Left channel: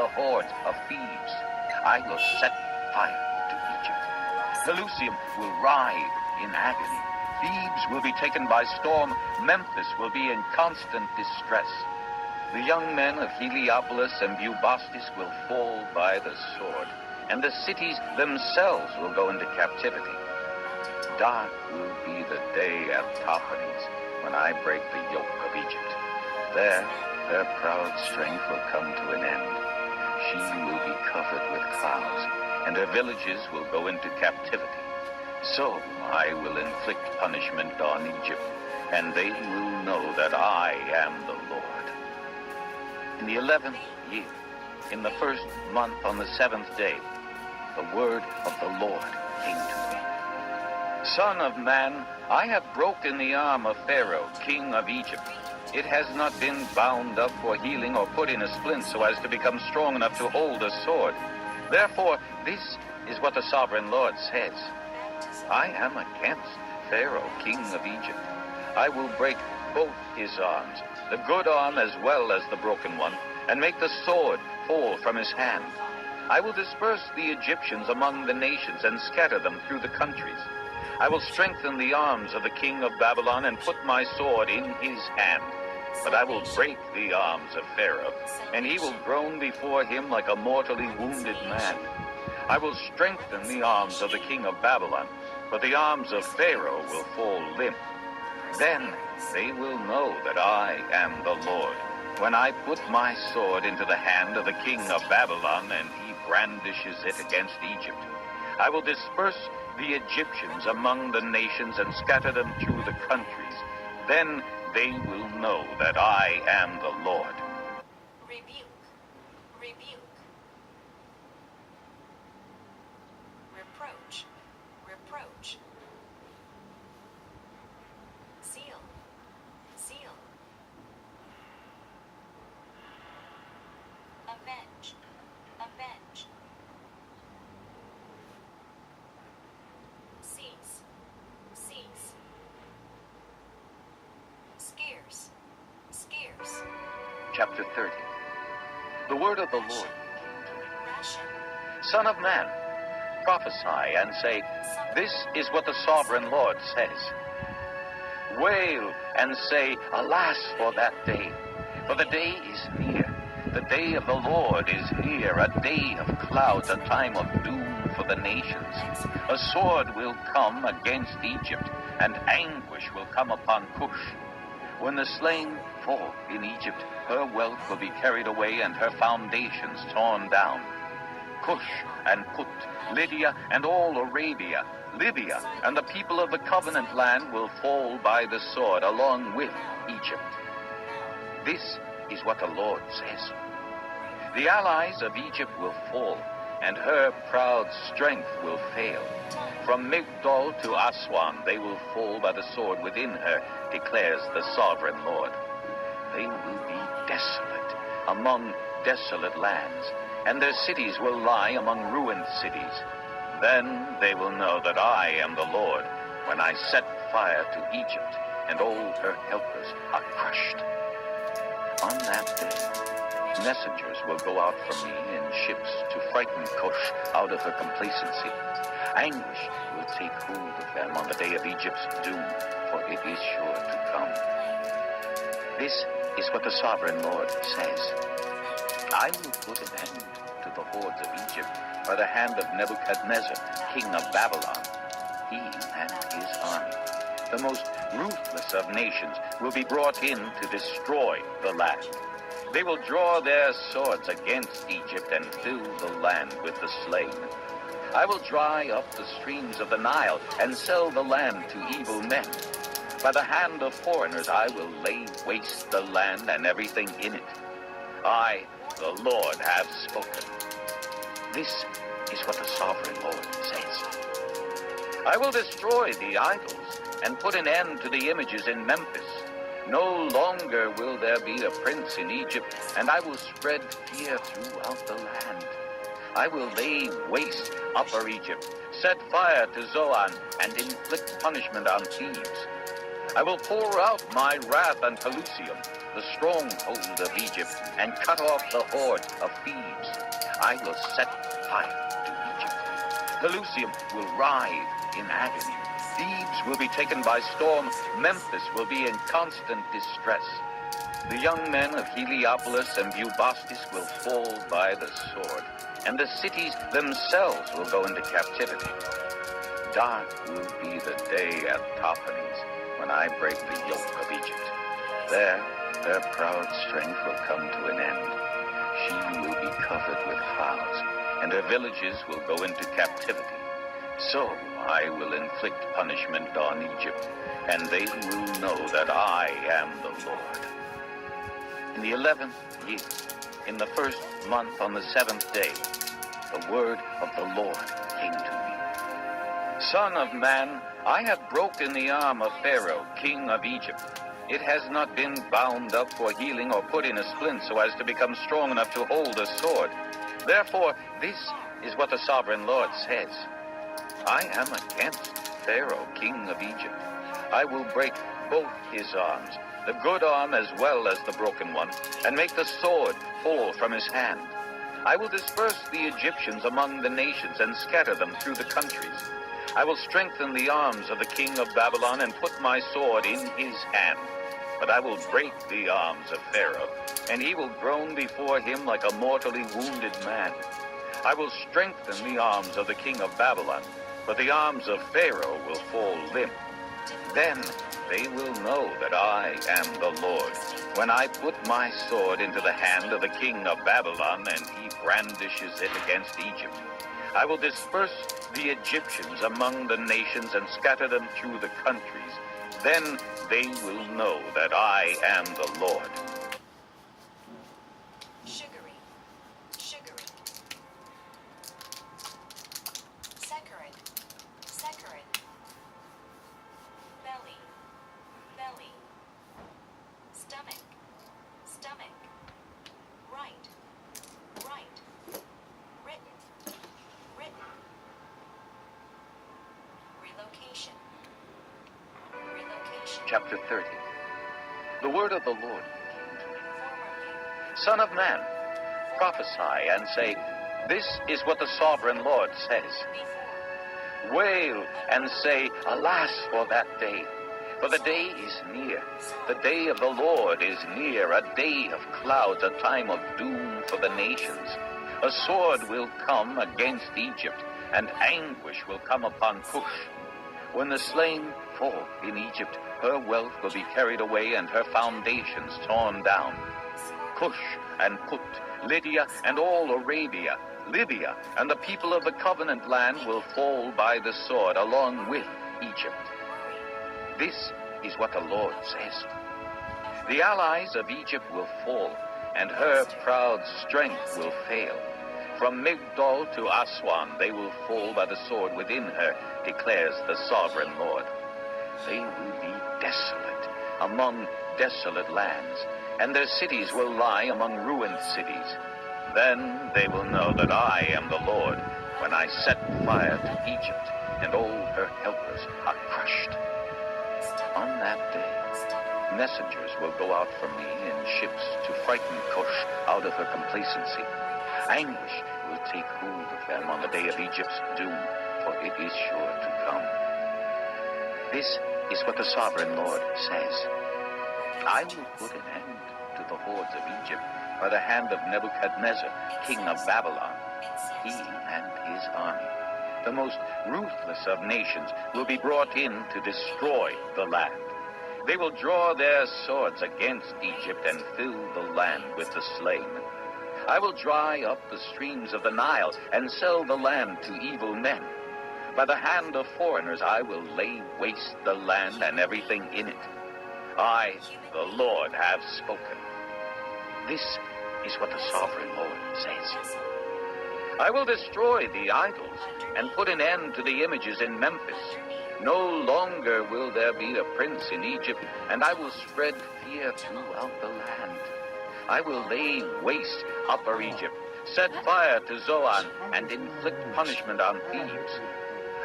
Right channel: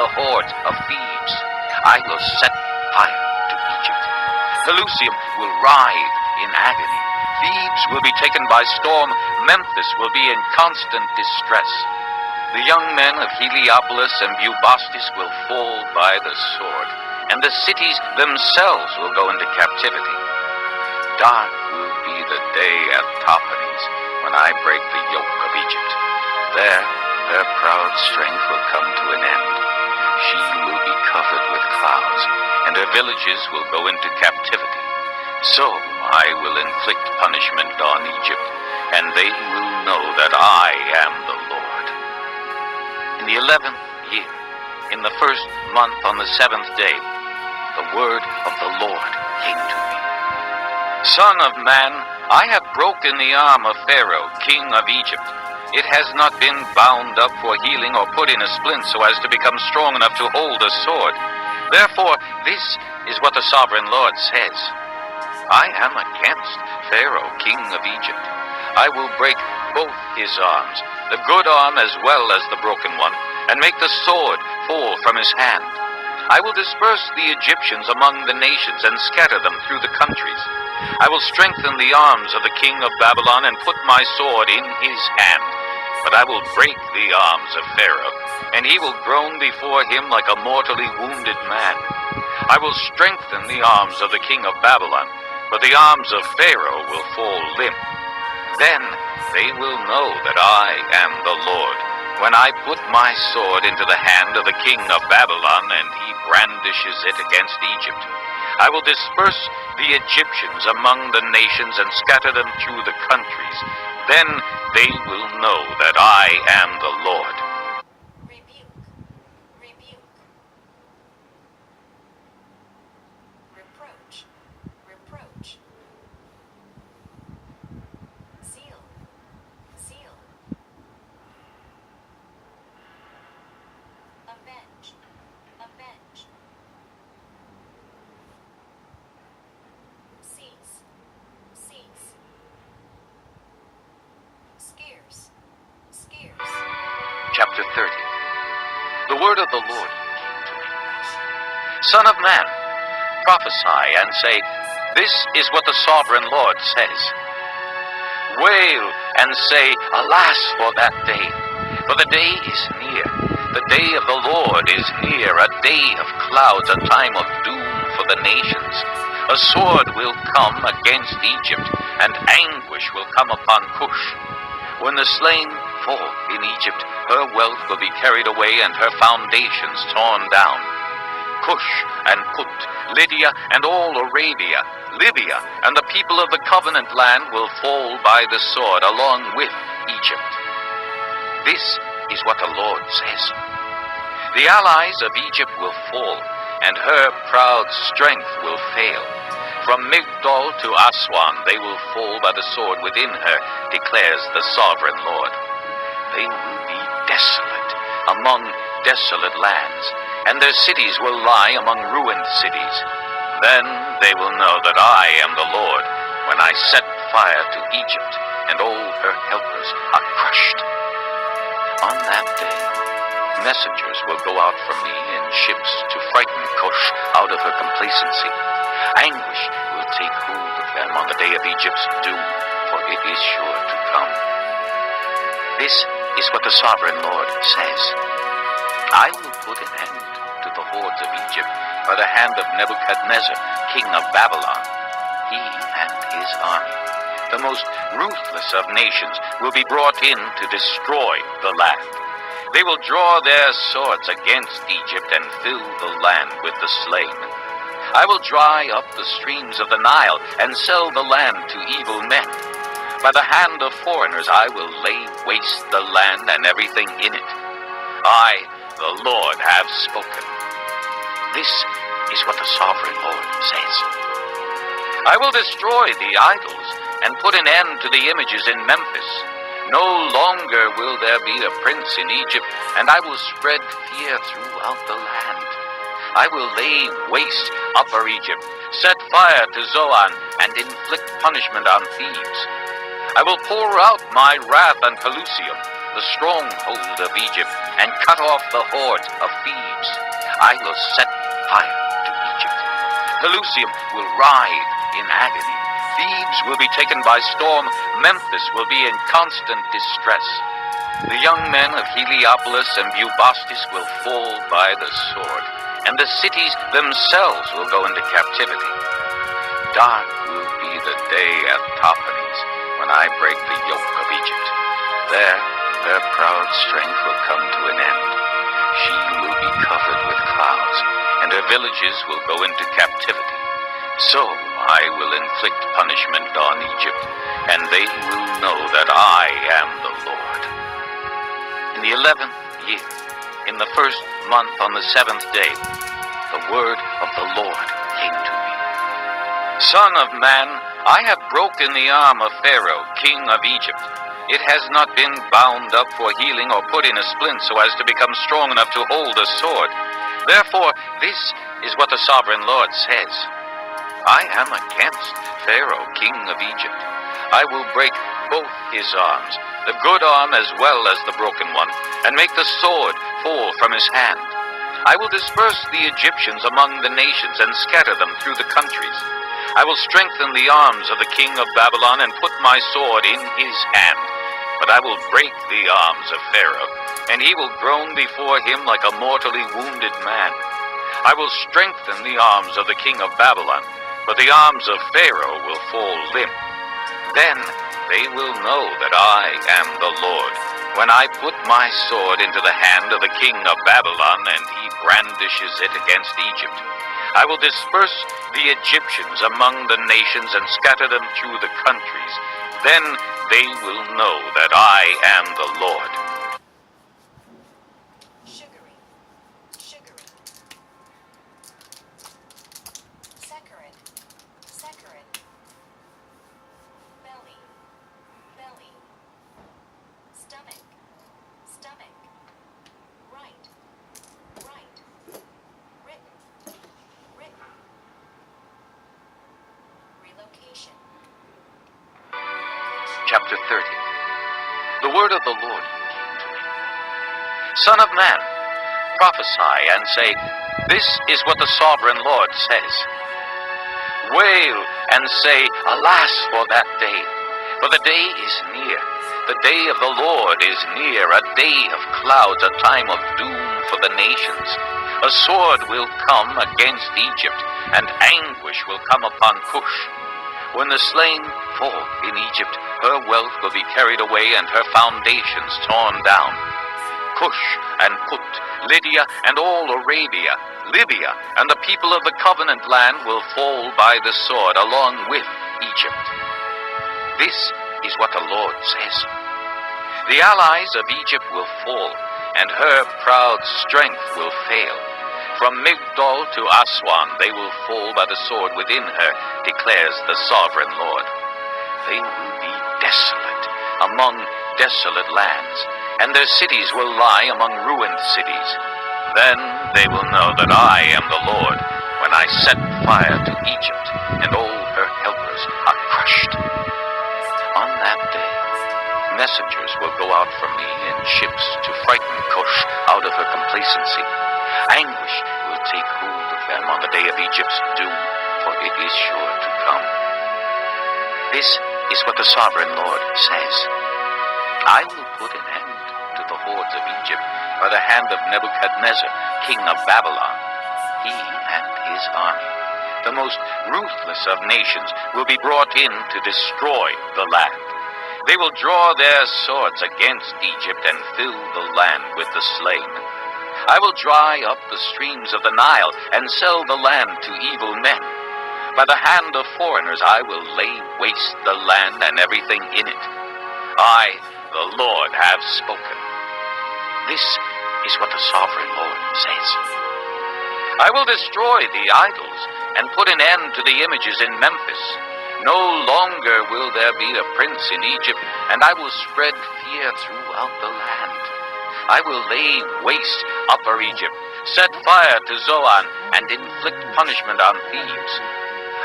the hordes of Thebes. I will set fire to Egypt. Pelusium will writhe in agony. Thebes will be taken by storm. Memphis will be in constant distress. The young men of Heliopolis and Bubastis will fall by the sword, and the cities themselves will go into captivity. Dark will be the day at Tahpanhes when I break the yoke of Egypt. There, her proud strength will come to an end. She will be covered with clouds, and her villages will go into captivity. So I will inflict punishment on Egypt, and they will know that I am the Lord. In the 11th year, in the first month on the 7th day, the word of the Lord came to me. Son of man, I have broken the arm of Pharaoh, king of Egypt. It has not been bound up for healing or put in a splint so as to become strong enough to hold a sword. Therefore, this is what the sovereign Lord says. I am against Pharaoh, king of Egypt. I will break both his arms, the good arm as well as the broken one, and make the sword fall from his hand. I will disperse the Egyptians among the nations and scatter them through the countries. I will strengthen the arms of the king of Babylon and put my sword in his hand. But I will break the arms of Pharaoh, and he will groan before him like a mortally wounded man. I will strengthen the arms of the king of Babylon, but the arms of Pharaoh will fall limp. Then they will know that I am the Lord, when I put my sword into the hand of the king of Babylon, and he brandishes it against Egypt. I will disperse the Egyptians among the nations and scatter them through the countries. Then they will know that I am the Lord. Rebuke, rebuke. Reproach, reproach. Zeal, zeal. Avenge, avenge. Cease, cease. Scarce, scarce. Chapter 30. The word of the Lord came to me. Son of man, prophesy and say, this is what the sovereign Lord says. Wail and say, alas for that day, for the day is near. The day of the Lord is near, a day of clouds, a time of doom for the nations. A sword will come against Egypt, and anguish will come upon Cush. When the slain fall in Egypt, her wealth will be carried away and her foundations torn down. Cush and Put, Lydia and all Arabia, Libya and the people of the covenant land will fall by the sword along with Egypt. This is what the Lord says. The allies of Egypt will fall, and her proud strength will fail. From Migdol to Aswan they will fall by the sword within her, declares the sovereign Lord. They will be desolate among desolate lands, and their cities will lie among ruined cities. Then they will know that I am the Lord, when I set fire to Egypt, and all her helpers are crushed. On that day, messengers will go out from me in ships to frighten Cush out of her complacency. Anguish will take hold of them on the day of Egypt's doom, for it is sure to come. This is what the sovereign Lord says. I will put an end to the hordes of Egypt by the hand of Nebuchadnezzar, king of Babylon. He and his army, the most ruthless of nations, will be brought in to destroy the land. They will draw their swords against Egypt and fill the land with the slain. I will dry up the streams of the Nile and sell the land to evil men. By the hand of foreigners I will lay waste the land and everything in it. I, the Lord, have spoken. This is what the sovereign Lord says. I will destroy the idols and put an end to the images in Memphis. No longer will there be a prince in Egypt, and I will spread fear throughout the land. I will lay waste Upper Egypt, set fire to Zoan, and inflict punishment on Thebes. I will pour out my wrath on Pelusium, the stronghold of Egypt and cut off the horde of Thebes. I will set fire to Egypt. Pelusium will writhe in agony. Thebes will be taken by storm. Memphis will be in constant distress. The young men of Heliopolis and Bubastis will fall by the sword, and the cities themselves will go into captivity. Dark will be the day at Tahpanhes when I break the yoke of Egypt. There, her proud strength will come to an end. She will be covered with clouds, and her villages will go into captivity. So I will inflict punishment on Egypt, and they will know that I am the Lord. In the 11th year, in the first month on the 7th day, the word of the Lord came to me. Son of man, I have broken the arm of Pharaoh, king of Egypt. It has not been bound up for healing or put in a splint so as to become strong enough to hold a sword. Therefore, this is what the sovereign Lord says. I am against Pharaoh, king of Egypt. I will break both his arms, the good arm as well as the broken one, and make the sword fall from his hand. I will disperse the Egyptians among the nations and scatter them through the countries. I will strengthen the arms of the king of Babylon and put my sword in his hand. But I will break the arms of Pharaoh, and he will groan before him like a mortally wounded man. I will strengthen the arms of the king of Babylon, but the arms of Pharaoh will fall limp. Then they will know that I am the Lord, when I put my sword into the hand of the king of Babylon, and he brandishes it against Egypt. I will disperse the Egyptians among the nations and scatter them through the countries. Then they will know that I am the Lord. Sugary, sugary. Saccharin, saccharin. Belly, belly. Stomach, stomach. Right, right. Written, written. Relocation. Chapter 30. The word of the Lord came to me. Son of man, prophesy and say, this is what the sovereign Lord says. Wail and say, alas for that day, for the day is near. The day of the Lord is near, a day of clouds, a time of doom for the nations. A sword will come against Egypt, and anguish will come upon Cush. When the slain fall in Egypt, her wealth will be carried away and her foundations torn down. Cush and Put, Lydia and all Arabia, Libya and the people of the covenant land will fall by the sword along with Egypt. This is what the Lord says. The allies of Egypt will fall, and her proud strength will fail. From Migdol to Aswan they will fall by the sword within her, declares the sovereign Lord. They will be desolate among desolate lands, and their cities will lie among ruined cities. Then they will know that I am the Lord, when I set fire to Egypt, and all her helpers are crushed. On that day, messengers will go out from me in ships to frighten Cush out of her complacency. Anguish will take hold of them on the day of Egypt's doom, for it is sure to come. This is what the sovereign Lord says. I will put an end to the hordes of Egypt by the hand of Nebuchadnezzar, king of Babylon. He and his army, the most ruthless of nations, will be brought in to destroy the land. They will draw their swords against Egypt and fill the land with the slain. I will dry up the streams of the Nile and sell the land to evil men. By the hand of foreigners I will lay waste the land and everything in it. I, the Lord, have spoken. This is what the sovereign Lord says. I will destroy the idols and put an end to the images in Memphis. No longer will there be a prince in Egypt, and I will spread fear throughout the land. I will lay waste Upper Egypt, set fire to Zoan, and inflict punishment on Thebes.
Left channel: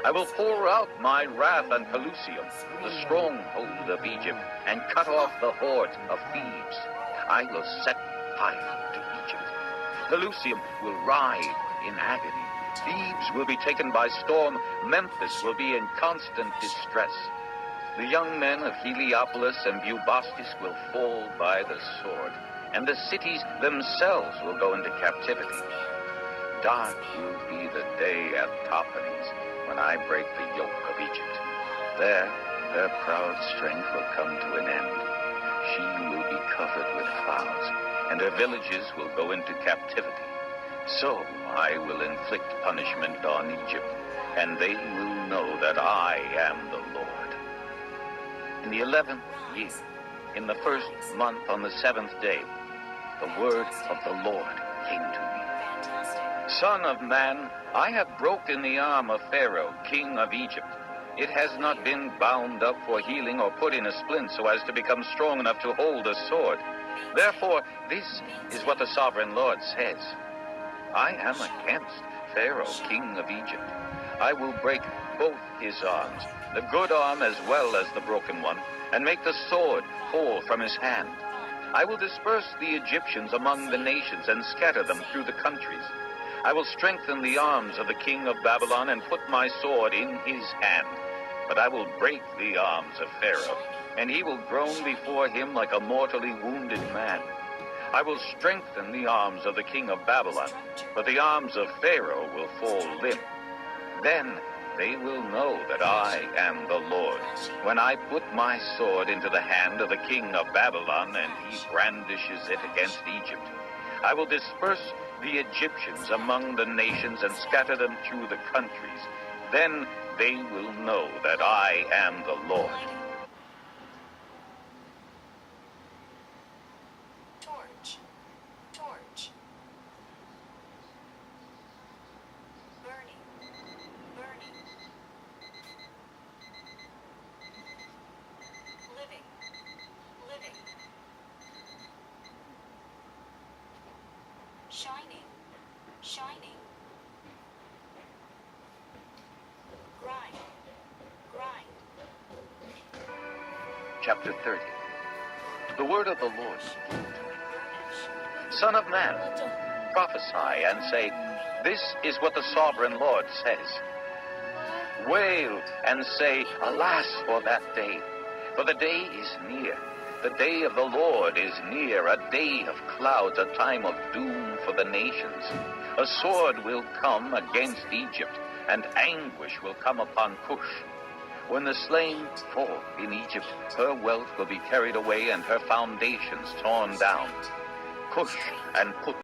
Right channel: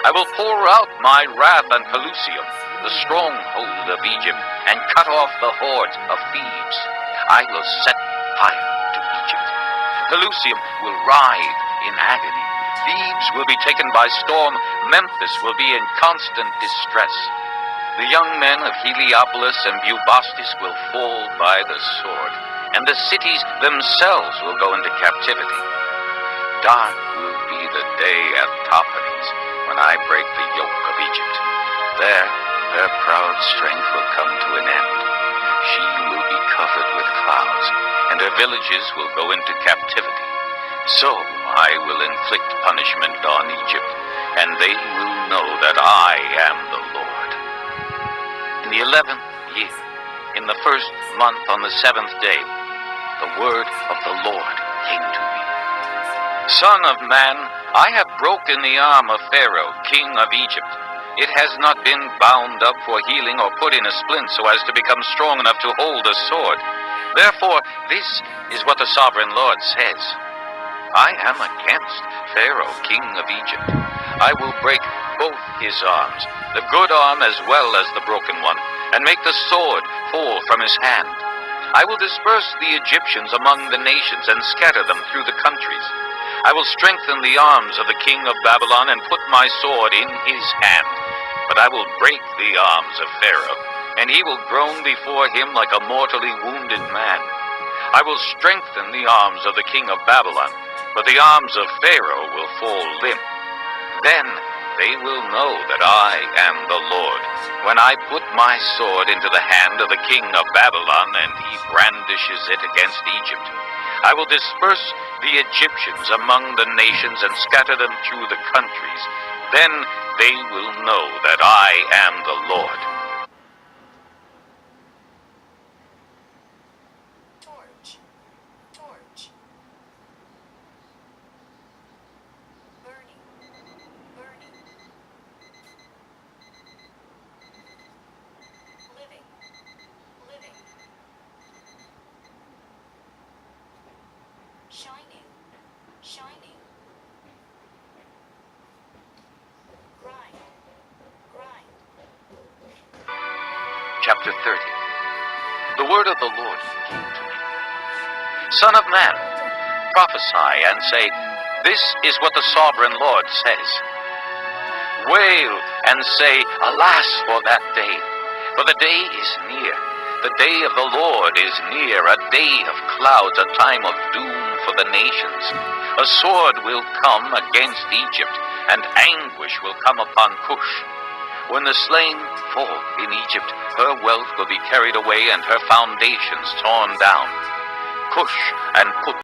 I will pour out my wrath on Pelusium, the stronghold of Egypt, and cut off the hordes of Thebes. I will set fire to Egypt. Pelusium will writhe in agony. Thebes will be taken by storm. Memphis will be in constant distress. The young men of Heliopolis and Bubastis will fall by the sword, and the cities themselves will go into captivity. Dark will be the day at Tahpanhes, when I break the yoke of Egypt. There, her proud strength will come to an end. She will be covered with clouds, and her villages will go into captivity. So I will inflict punishment on Egypt, and they will know that I am the Lord. In the 11th year, in the first month on the 7th day, the word of the Lord came to me. Son of man, I have broken the arm of Pharaoh, king of Egypt. It has not been bound up for healing or put in a splint so as to become strong enough to hold a sword. Therefore, this is what the sovereign Lord says. I am against Pharaoh, king of Egypt. I will break both his arms, the good arm as well as the broken one, and make the sword fall from his hand. I will disperse the Egyptians among the nations and scatter them through the countries. I will strengthen the arms of the king of Babylon and put my sword in his hand. But I will break the arms of Pharaoh, and he will groan before him like a mortally wounded man. I will strengthen the arms of the king of Babylon, but the arms of Pharaoh will fall limp. Then they will know that I am the Lord, when I put my sword into the hand of the king of Babylon, and he brandishes it against Egypt. I will disperse the Egyptians among the nations and scatter them through the countries. Then they will know that I am the Lord. Torch. Torch. Burning. Burning. Living. Living. Shining. Shining. Grind. Grind. Chapter 30. The word of the Lord came to me. Son of man, prophesy and say, this is what the sovereign Lord says. Wail and say, alas for that day, for the day is near. The day of the Lord is near, a day of clouds, a time of doom for the nations. A sword will come against Egypt, and anguish will come upon Cush. When the slain fall in Egypt, her wealth will be carried away and her foundations torn down. Cush and Put